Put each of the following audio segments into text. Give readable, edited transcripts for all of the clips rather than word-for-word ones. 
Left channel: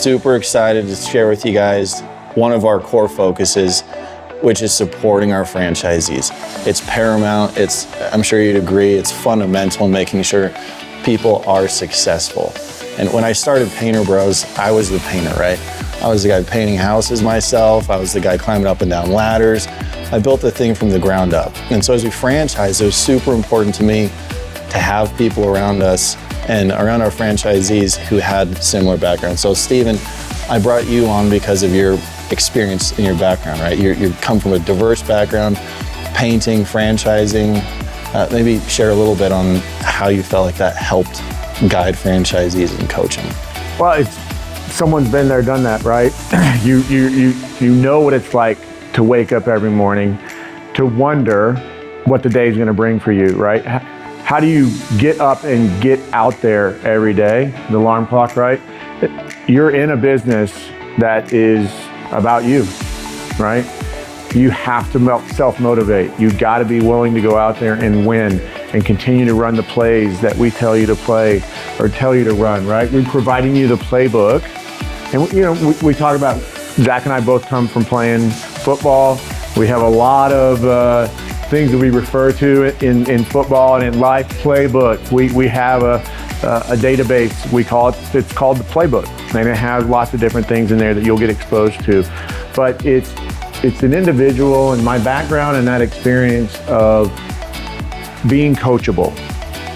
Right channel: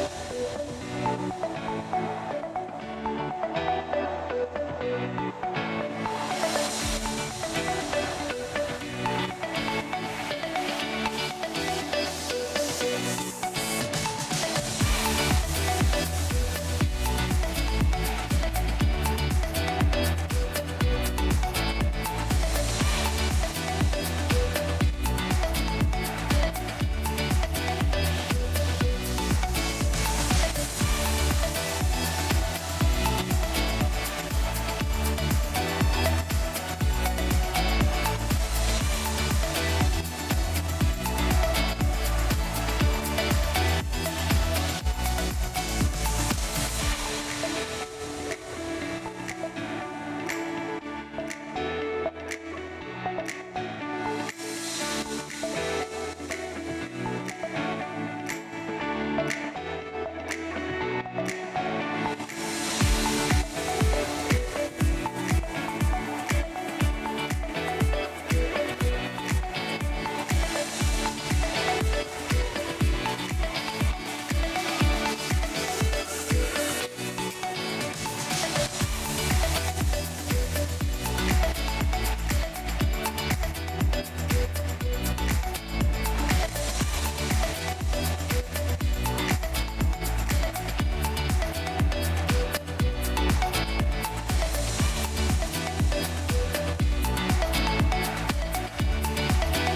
super excited to share with you guys one of our core focuses, which is supporting our franchisees. It's paramount, I'm sure you'd agree, it's fundamental in making sure people are successful. And when I started Painter Bros, I was the painter, right? I was the guy painting houses myself. I was the guy climbing up and down ladders. I built the thing from the ground up. And so as we franchise, it was super important to me to have people around us and around our franchisees who had similar backgrounds. So Stephen, I brought you on because of your experience in your background, right? You come from a diverse background, painting, franchising. Maybe share a little bit on how you felt like that helped guide franchisees in coaching. Well, someone's been there, done that, right? You know what it's like to wake up every morning, to wonder what the day's gonna bring for you, right? How do you get up and get out there every day? The alarm clock, right? You're in a business that is about you, right? You have to self-motivate. You've got to be willing to go out there and win and continue to run the plays that we tell you to play or tell you to run, right? We're providing you the playbook. And we talk about, Zach and I both come from playing football. We have a lot of things that we refer to in football and in life, playbook. We have a database, it's called the playbook. And it has lots of different things in there that you'll get exposed to. But it's an individual and my background and that experience of being coachable,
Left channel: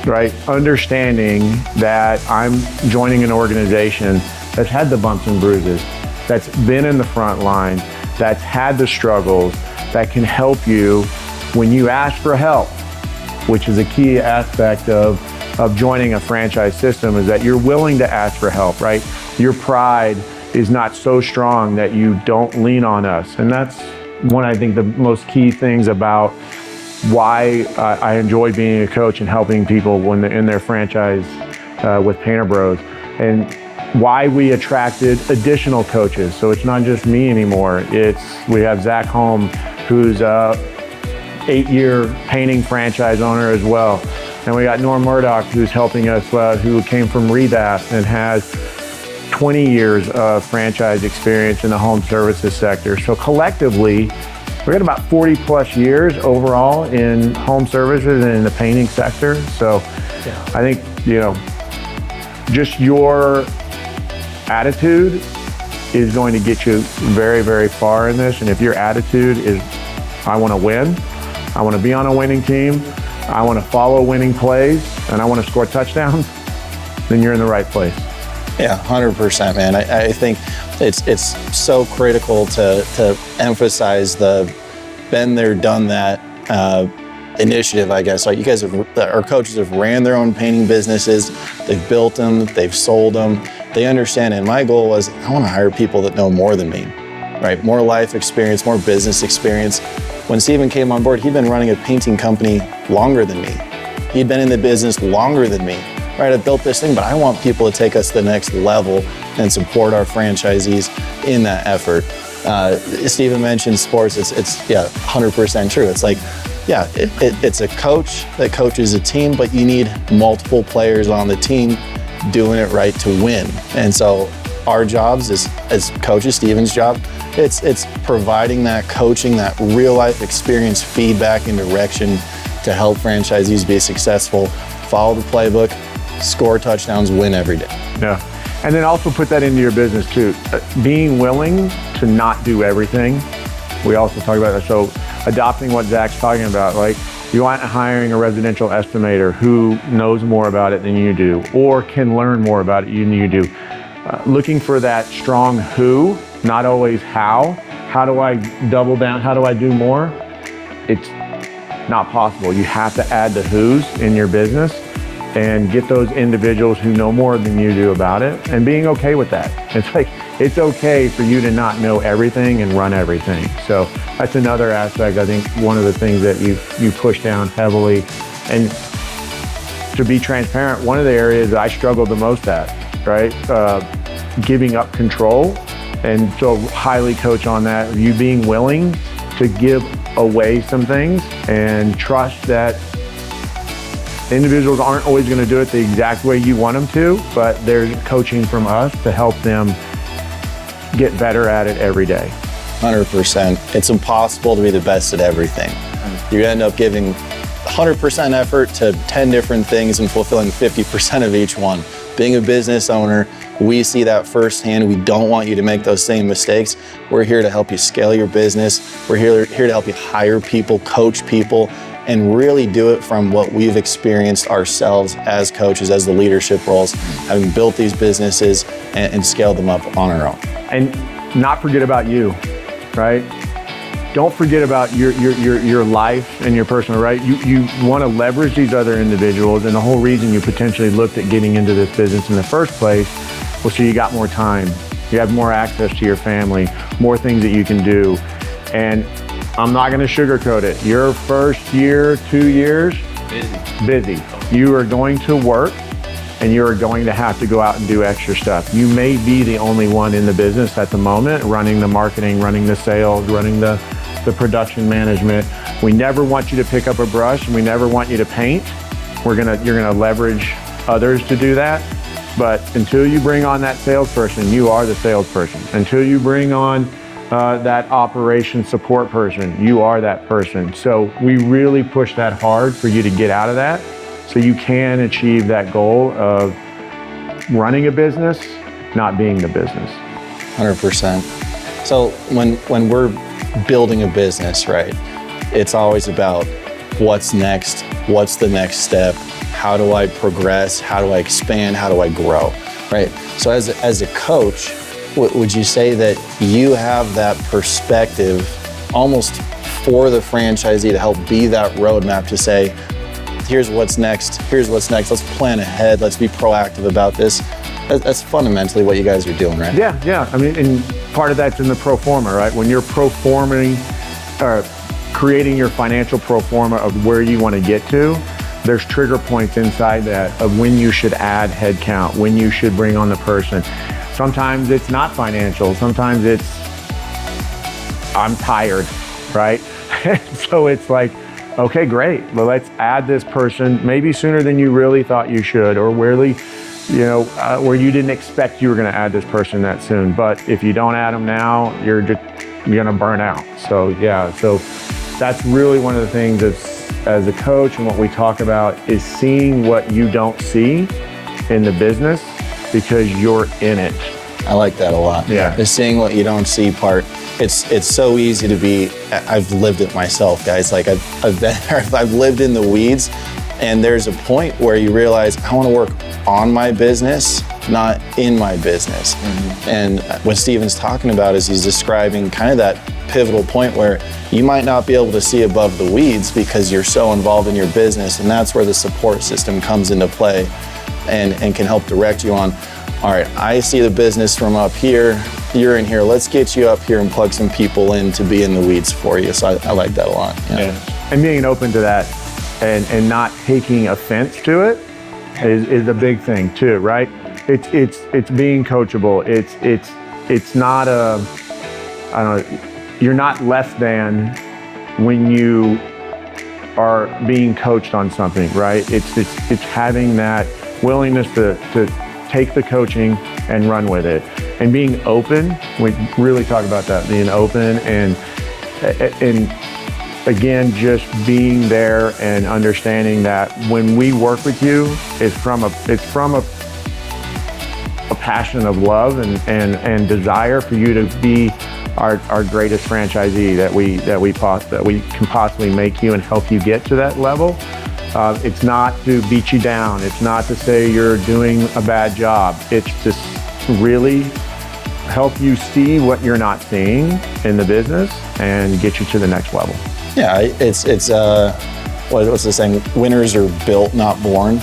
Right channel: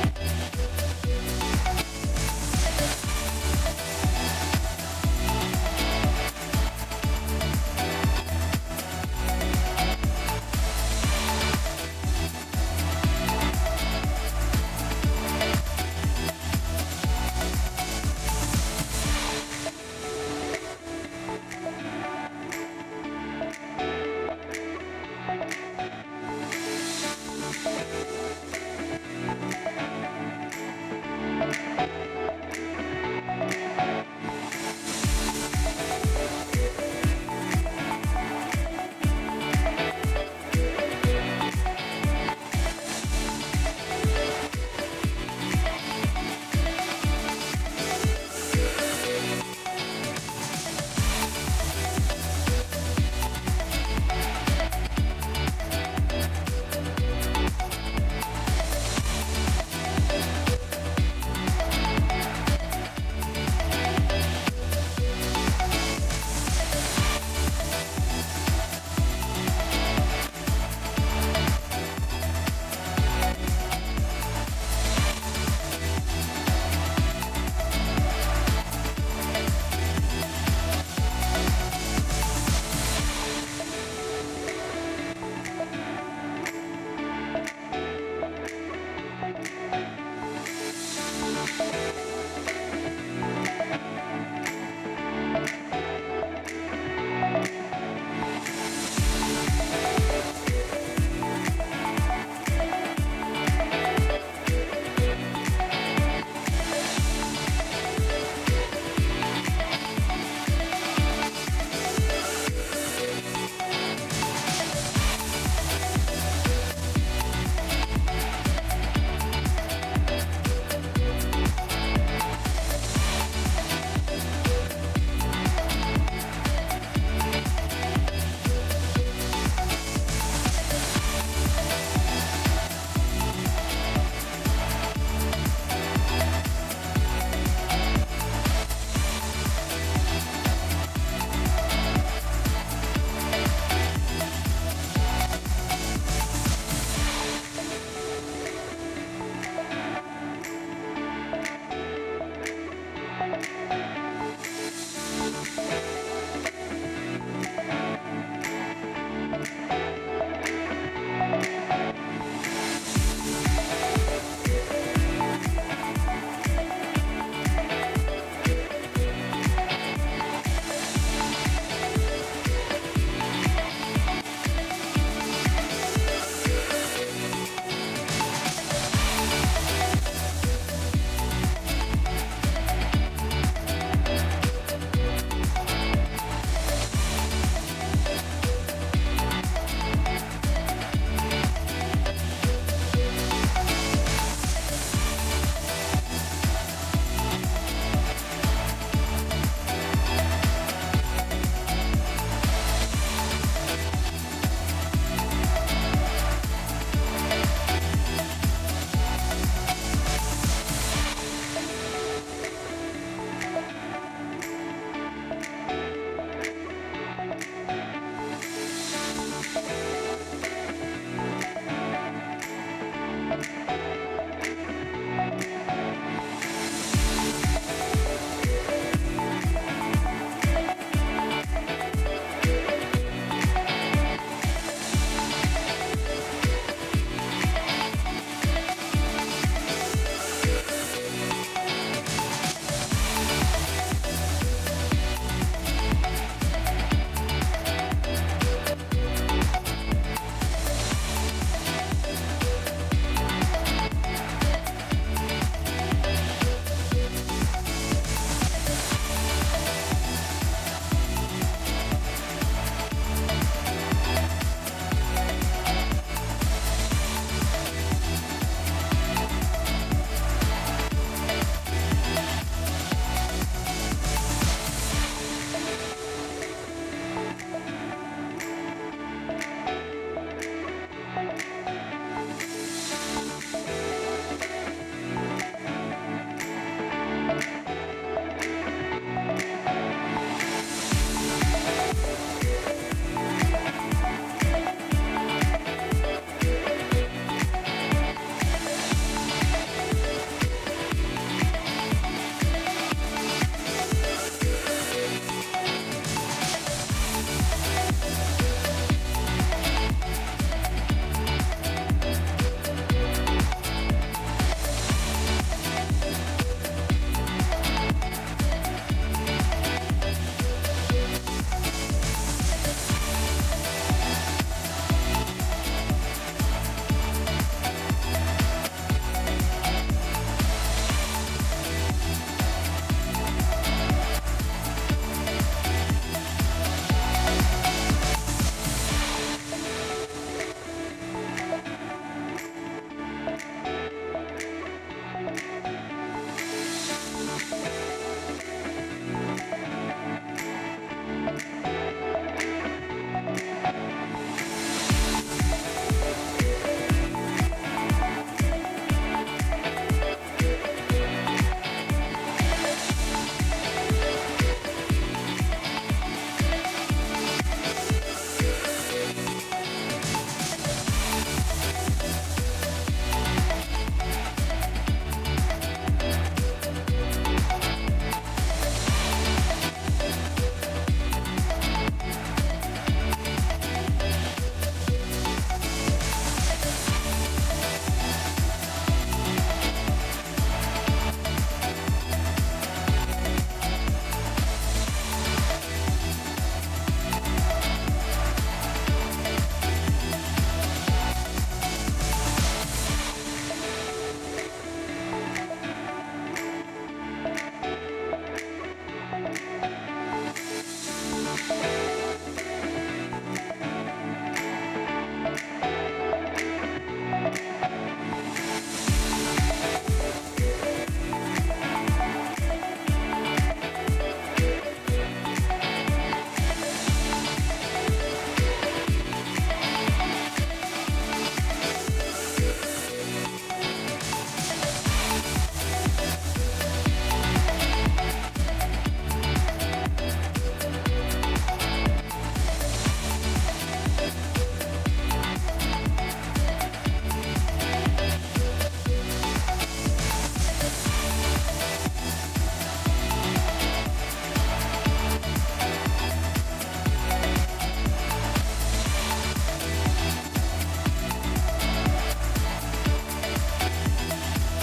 right? Understanding that I'm joining an organization that's had the bumps and bruises, that's been in the front line, that's had the struggles, that can help you when you ask for help, which is a key aspect of joining a franchise system, is that you're willing to ask for help, right? Your pride is not so strong that you don't lean on us. And that's one, I think, the most key things about why I enjoy being a coach and helping people when they're in their franchise with Painter Bros, and why we attracted additional coaches. So it's not just me anymore. We have Zach Holm, who's a 8-year painting franchise owner as well. And we got Norm Murdoch, who's helping us, who came from Rebath and has 20 years of franchise experience in the home services sector. So collectively, we got about 40 plus years overall in home services and in the painting sector. So I think, just your attitude is going to get you very, very far in this. And if your attitude is, I want to win, I want to be on a winning team, I want to follow winning plays, and I want to score touchdowns, then you're in the right place. Yeah, 100%, man. I think it's so critical to emphasize the been there, done that initiative, I guess. Like you guys our coaches have ran their own painting businesses, they've built them, they've sold them, they understand. And my goal was, I want to hire people that know more than me, right? More life experience, more business experience. When Stephen came on board, he'd been running a painting company longer than me. He'd been in the business longer than me. Right, I built this thing, but I want people to take us to the next level and support our franchisees in that effort. Stephen mentioned sports, it's 100% true. It's like, it's a coach that coaches a team, but you need multiple players on the team doing it right to win. And so our jobs as coaches, Stephen's job, it's providing that coaching, that real life experience, feedback and direction to help franchisees be successful, follow the playbook, score touchdowns, win every day. Yeah. And then also put that into your business too. Being willing to not do everything. We also talk about that. So adopting what Zach's talking about, like you aren't hiring a residential estimator who knows more about it than you do or can learn more about it than you do. Looking for that strong who, not always how. How do I double down? How do I do more? It's not possible. You have to add the who's in your business and get those individuals who know more than you do about it, and being okay with that. It's like, it's okay for you to not know everything and run everything. So that's another aspect, I think, one of the things that you push down heavily. And to be transparent, one of the areas that I struggled the most at, right? Giving up control. And so highly coach on that, you being willing to give away some things and trust that individuals aren't always going to do it the exact way you want them to, but they're coaching from us to help them get better at it every day. 100%. It's impossible to be the best at everything. You end up giving 100% effort to 10 different things and fulfilling 50% of each one. Being a business owner, we see that firsthand. We don't want you to make those same mistakes. We're here to help you scale your business. We're here to help you hire people, coach people, and really do it from what we've experienced ourselves as coaches, as the leadership roles, having built these businesses and scaled them up on our own. And not forget about you, right? Don't forget about your life and your personal, right? You want to leverage these other individuals, and the whole reason you potentially looked at getting into this business in the first place was so you got more time. You have more access to your family, more things that you can do. And I'm not going to sugarcoat it. Your first year, 2 years, busy. You are going to work, and you are going to have to go out and do extra stuff. You may be the only one in the business at the moment, running the marketing, running the sales, running the production management. We never want you to pick up a brush, and we never want you to paint. You're gonna leverage others to do that. But until you bring on that salesperson, you are the salesperson. Until you bring on that operation support person, you are that person. So we really push that hard for you to get out of that so you can achieve that goal of running a business, not being the business. 100%. So when we're building a business, right, it's always about what's next, what's the next step, how do I progress, how do I expand, how do I grow, right? So as a coach, would you say that you have that perspective almost for the franchisee to help be that roadmap to say, here's what's next, let's plan ahead, let's be proactive about this? That's fundamentally what you guys are doing, right? Yeah. I mean, and part of that's in the pro forma, right? When you're creating your financial pro forma of where you want to get to, there's trigger points inside that of when you should add headcount, when you should bring on the person. Sometimes it's not financial. Sometimes it's, I'm tired, right? So it's like, okay, great. Well, let's add this person maybe sooner than you really thought you should, or where you didn't expect you were going to add this person that soon. But if you don't add them now, you're going to burn out. So yeah, so that's really one of the things as a coach, and what we talk about is seeing what you don't see in the business because you're in it. I like that a lot. Yeah. The seeing what you don't see part. It's so easy to be, I've lived it myself, guys. Like I've been there, I've lived in the weeds, and there's a point where you realize I want to work on my business, not in my business. Mm-hmm. And what Stephen's talking about is he's describing kind of that pivotal point where you might not be able to see above the weeds because you're so involved in your business, and that's where the support system comes into play and can help direct you on, all right, I see the business from up here, you're in here, let's get you up here and plug some people in to be in the weeds for you. So I like that a lot. Yeah. And being open to that and not taking offense to it is a big thing too, right? It's being coachable. It's not I don't know, you're not less than when you are being coached on something, right? It's having that willingness to take the coaching and run with it. And being open, we really talk about that, being open and again, just being there and understanding that when we work with you, it's from a passion of love and desire for you to be our greatest franchisee that we can possibly make you and help you get to that level. It's not to beat you down. It's not to say you're doing a bad job. It's just really help you see what you're not seeing in the business and get you to the next level. Yeah, it's what's the saying? Winners are built, not born,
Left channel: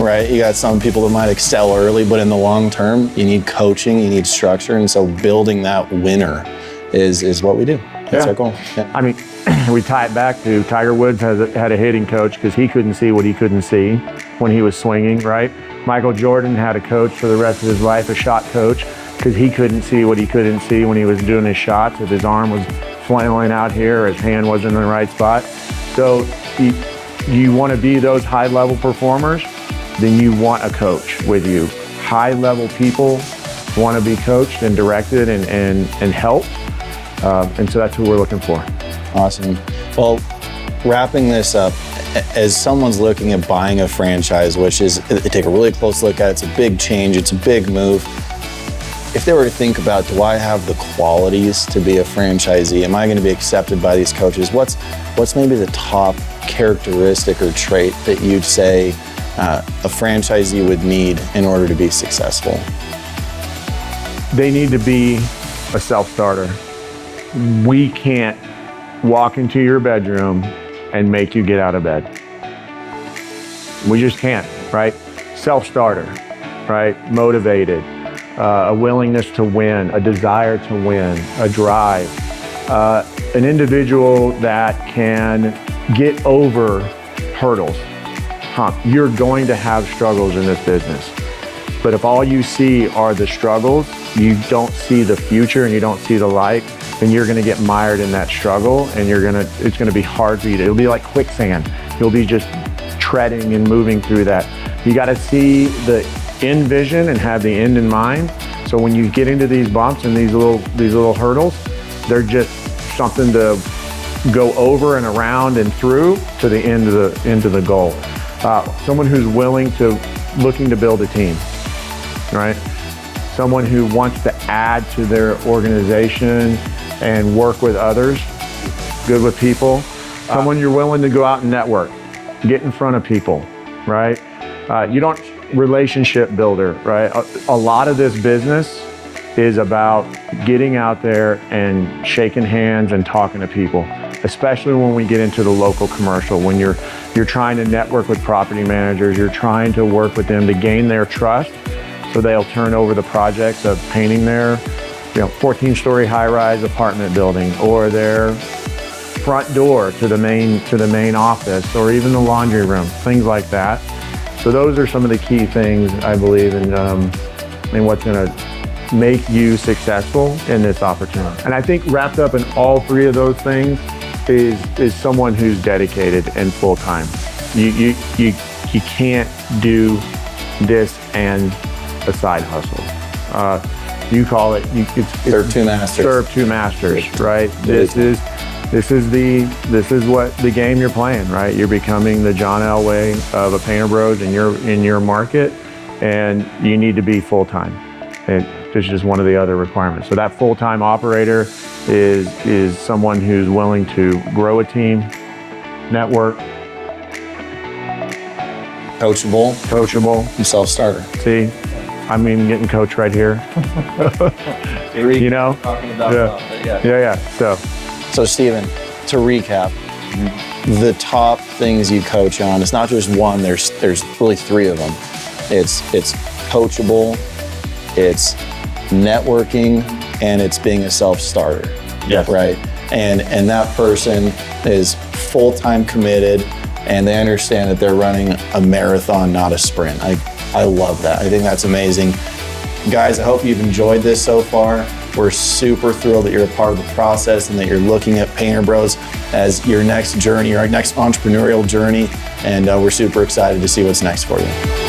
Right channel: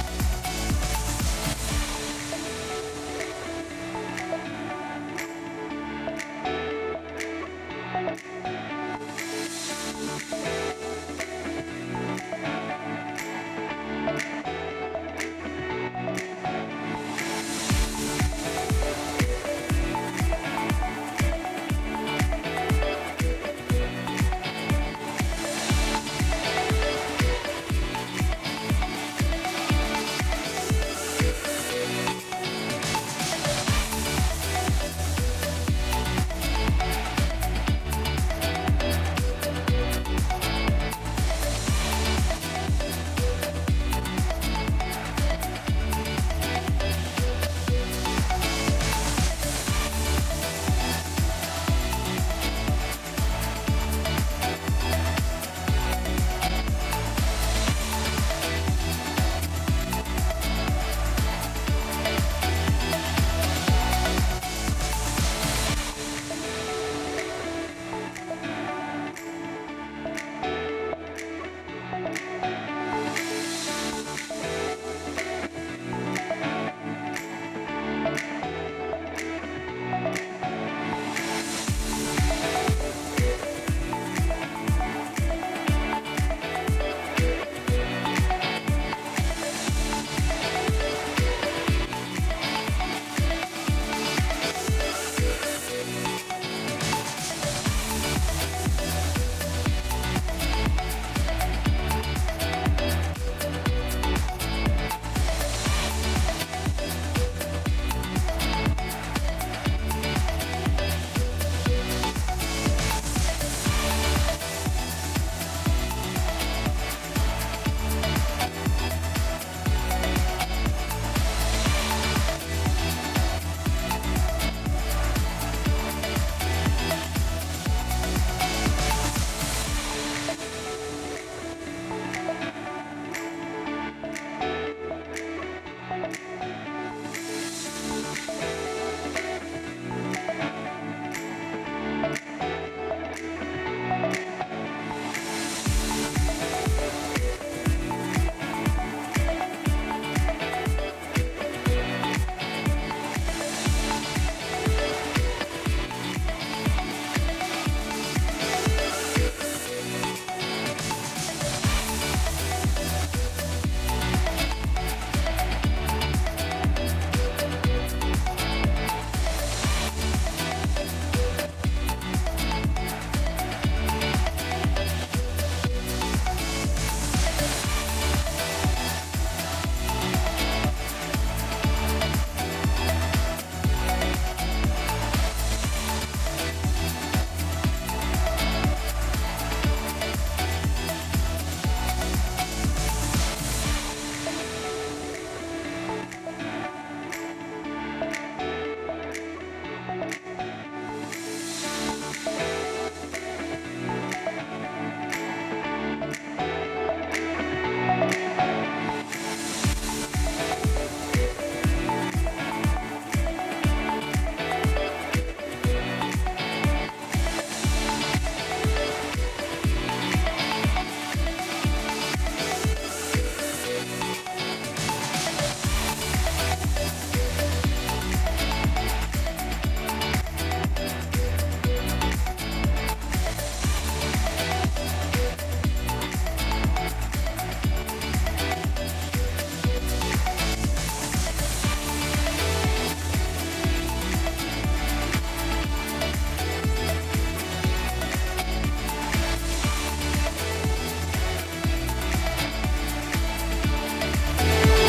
right? You got some people that might excel early, but in the long term, you need coaching, you need structure, and so building that winner is what we do. That's our goal. Yeah. I mean, we tie it back to Tiger Woods had a hitting coach because he couldn't see what he couldn't see when he was swinging, right? Michael Jordan had a coach for the rest of his life, a shot coach, because he couldn't see what he couldn't see when he was doing his shots, if his arm was flailing out here or his hand wasn't in the right spot. So you want to be those high-level performers, then you want a coach with you. High-level people want to be coached and directed and helped. And so that's who we're looking for. Awesome. Well, wrapping this up, as someone's looking at buying a franchise, which is, they take a really close look at it, it's a big change, it's a big move. If they were to think about, do I have the qualities to be a franchisee? Am I going to be accepted by these coaches? What's maybe the top characteristic or trait that you'd say a franchisee would need in order to be successful? They need to be a self-starter. We can't walk into your bedroom and make you get out of bed. We just can't, right? Self-starter, right? Motivated, a willingness to win, a desire to win, a drive, an individual that can get over hurdles. You're going to have struggles in this business, but if all you see are the struggles, you don't see the future and you don't see the light, then you're going to get mired in that struggle, and it's going to be hard for you. It'll be like quicksand. You'll be just treading and moving through that. You got to see the end vision and have the end in mind. So when you get into these bumps and these little hurdles, they're just something to go over and around and through to the end of the goal. Someone who's looking to build a team, right? Someone who wants to add to their organization and work with others, good with people. Someone you're willing to go out and network, get in front of people, right? Relationship builder, right? A lot of this business is about getting out there and shaking hands and talking to people, especially when we get into the local commercial, when you're trying to network with property managers, you're trying to work with them to gain their trust so they'll turn over the project of painting their 14-story high-rise apartment building, or their front door to the main office, or even the laundry room, things like that. So those are some of the key things, I believe, in what's going to make you successful in this opportunity. And I think wrapped up in all three of those things is someone who's dedicated and full-time. You can't do this and a side hustle. You call it, serve two masters. Serve two masters, right? This is what the game you're playing, right? You're becoming the John Elway of a Painter Bros in your market, and you need to be full-time. And this is just one of the other requirements. So that full-time operator is someone who's willing to grow a team, network, coachable, and self-starter. See, getting coached right here. Yeah. So Stephen, to recap, the top things you coach on, it's not just one, there's really three of them. It's coachable, it's networking, and it's being a self-starter. Yes. Right? And that person is full-time committed, and they understand that they're running a marathon, not a sprint. I love that. I think that's amazing. Guys, I hope you've enjoyed this so far. We're super thrilled that you're a part of the process and that you're looking at Painter Bros as your next journey, your next entrepreneurial journey. And we're super excited to see what's next for you.